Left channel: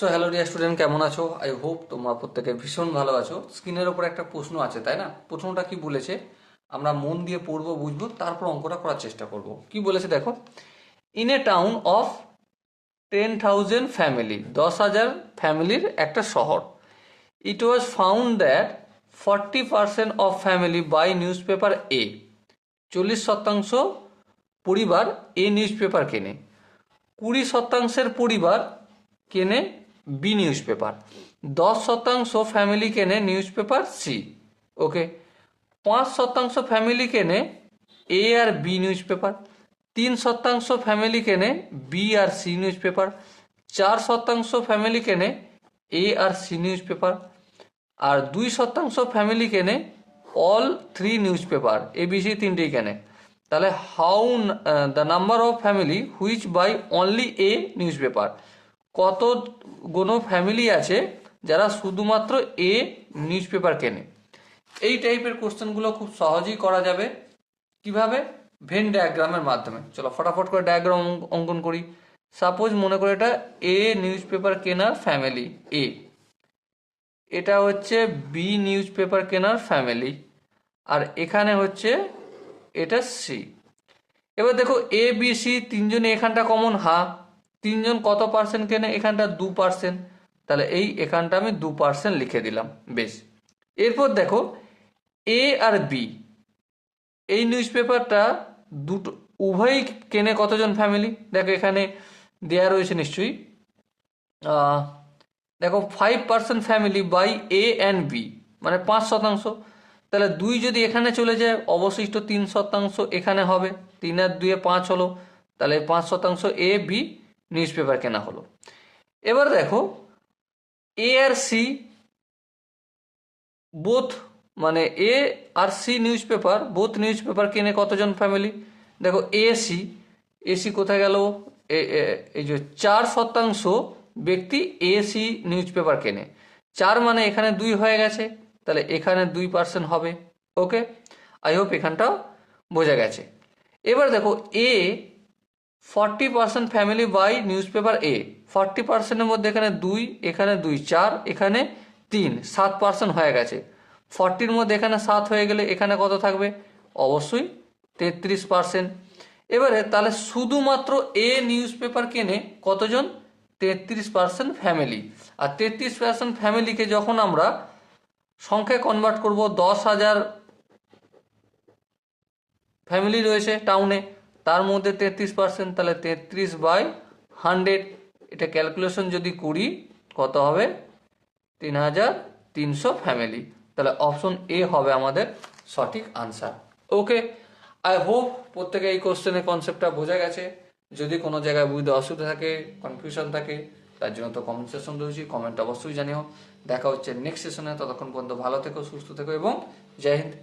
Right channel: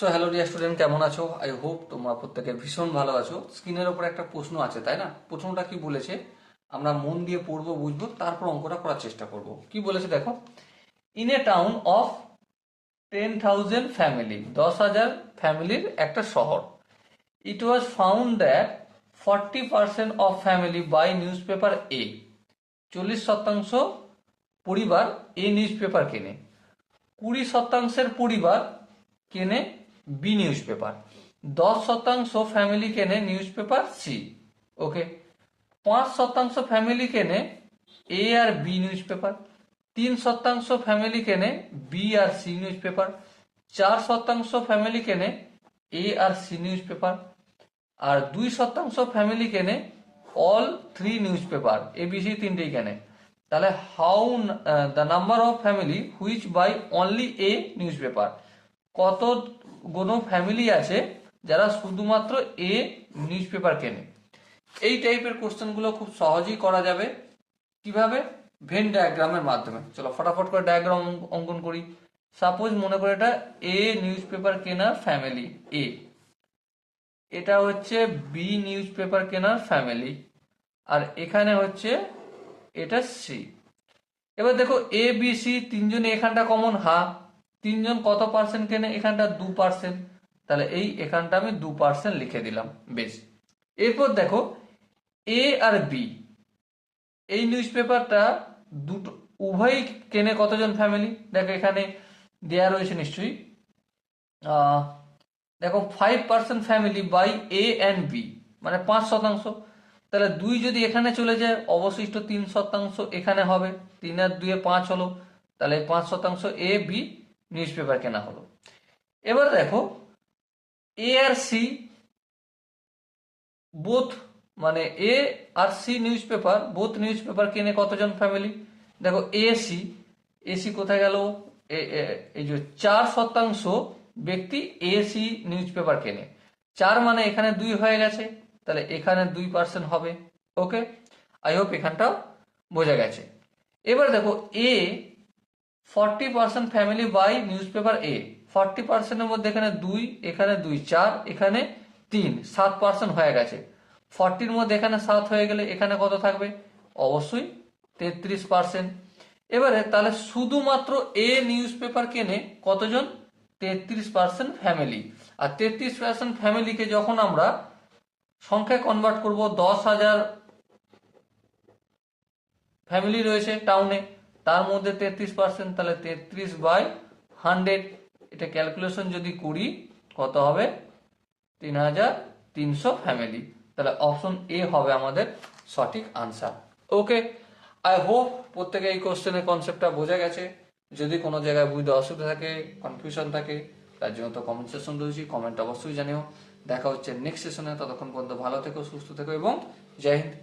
So hello dear student, কেমন আছো? I hope তোমরা প্রত্যেকে ভীষণ ভালো আছো। স্ক্রিনের ওপর একটা প্রশ্ন আছে, তাই না? প্রশ্নটা কি বলেছে? আমরা মন দিয়ে পড়বো, বুঝবো, তারপর অঙ্কটা করার চেষ্টা করব। কি বলেছে দেখো। In a town of 10,000 family, 10,000 ফ্যামিলির একটা শহর। It was found that 40% of family buy newspaper A. 40% পরিবার এ নিউজ পেপার কেনে। 20% পরিবার কেনে বি নিউজ পেপার। 10% ফ্যামিলি কেনে newspaper C. Okay. 5% family কেনে এ আর বি নিউজ পেপার। 3% ফ্যামিলি কেনে বি আর সি নিউজ পেপার। 4% ফ্যামিলি কেনে এ আর সি নিউজ পেপার। আর 2% ফ্যামিলি কেনে all three newspaper, A B C তিনটেই কেনে। তাহলে how the number of family which buy only a newspaper, কত কোনো ফ্যামিলি আছে যারা শুধুমাত্র এ নিউজ পেপার কেনে। এই টাইপের কোশ্চেনগুলো খুব সহজেই করা যাবে। কিভাবে? ভেন ডায়াগ্রামের মাধ্যমে। চলো ফটাফট করে ডায়াগ্রাম অঙ্কন করি। সাপোজ মনে করে এটা এ নিউজ পেপার কেনার ফ্যামিলি এ, এটা হচ্ছে বি নিউজ পেপার কেনার ফ্যামিলি, আর এখানে হচ্ছে এটা সি। এবার দেখো এ বি সি তিনজনে এখানটা কমন, তিনজন কত পার্সেন্ট কেনে? এখানটা 2%। তাহলে এই এখানটা আমি 2% লিখে দিলাম। বেশ। এরপর দেখো এ আর বি, এই নিউজ পেপারটা দুটো উভয়ই কেনে কতজন ফ্যামিলি? দেখো এখানে দেয়া রয়েছে নিশ্চয়ই। দেখো 5% family buy A and B, মানে 5%। তাহলে 2 যদি এখানে চলে যায়, অবশিষ্ট 3% এখানে হবে। 3 আর 2 5 হলো। তাহলে 5% এ বি নিউজ পেপার কেনা হলো। এবার দেখো এ আর সি বোথ, মানে এ আর C newspaper, both newspaper কেনে কতজন ফ্যামিলি? দেখো এসি কোথায় গেল? এই যে 4% ব্যক্তি এসি নিউজ পেপার কেনে। 4 মানে এখানে 2 হয়ে গেছে, তাহলে এখানে 2% হবে। ওকে, আই হোপ এখানটা বোঝা গেছে। এবার দেখো এ 40% ফ্যামিলি বাই নিউজ পেপার এ। 40%-এর মধ্যে এখানে 2, এখানে 2, 4, এখানে 3, 7% হয়ে গেছে। 40-র মধ্যে এখানে 7 হয়ে গেলে এখানে কত থাকবে? অবশ্যই 33%। এবারে তাহলে শুধুমাত্র এ নিউজ পেপার কেনে কতজন? 33% ফ্যামিলি। আর 33% ফ্যামিলিকে যখন আমরা সংখ্যায় কনভার্ট করব, 10,000 ফ্যামিলি রয়েছে টাউনে, তার মধ্যে 33%, তাহলে 33/100। এটা ক্যালকুলেশন যদি করি কত হবে? 3,300 ফ্যামিলি। তাহলে অপশন এ হবে আমাদের সঠিক আনসার। ওকে, আই হোপ প্রত্যেকে এই কোশ্চেনের কনসেপ্টটা বোঝা গেছে। যদি কোনো জায়গায় বুঝতে অসুবিধা থাকে, কনফিউশন থাকে, তার জন্য তো কমেন্ট সেকশন রয়েছে, কমেন্ট অবশ্যই জানিও। দেখা হচ্ছে নেক্সট সেশনে। ততক্ষণ পর্যন্ত ভালো থেকো, সুস্থ থেকো এবং জয় হিন্দ।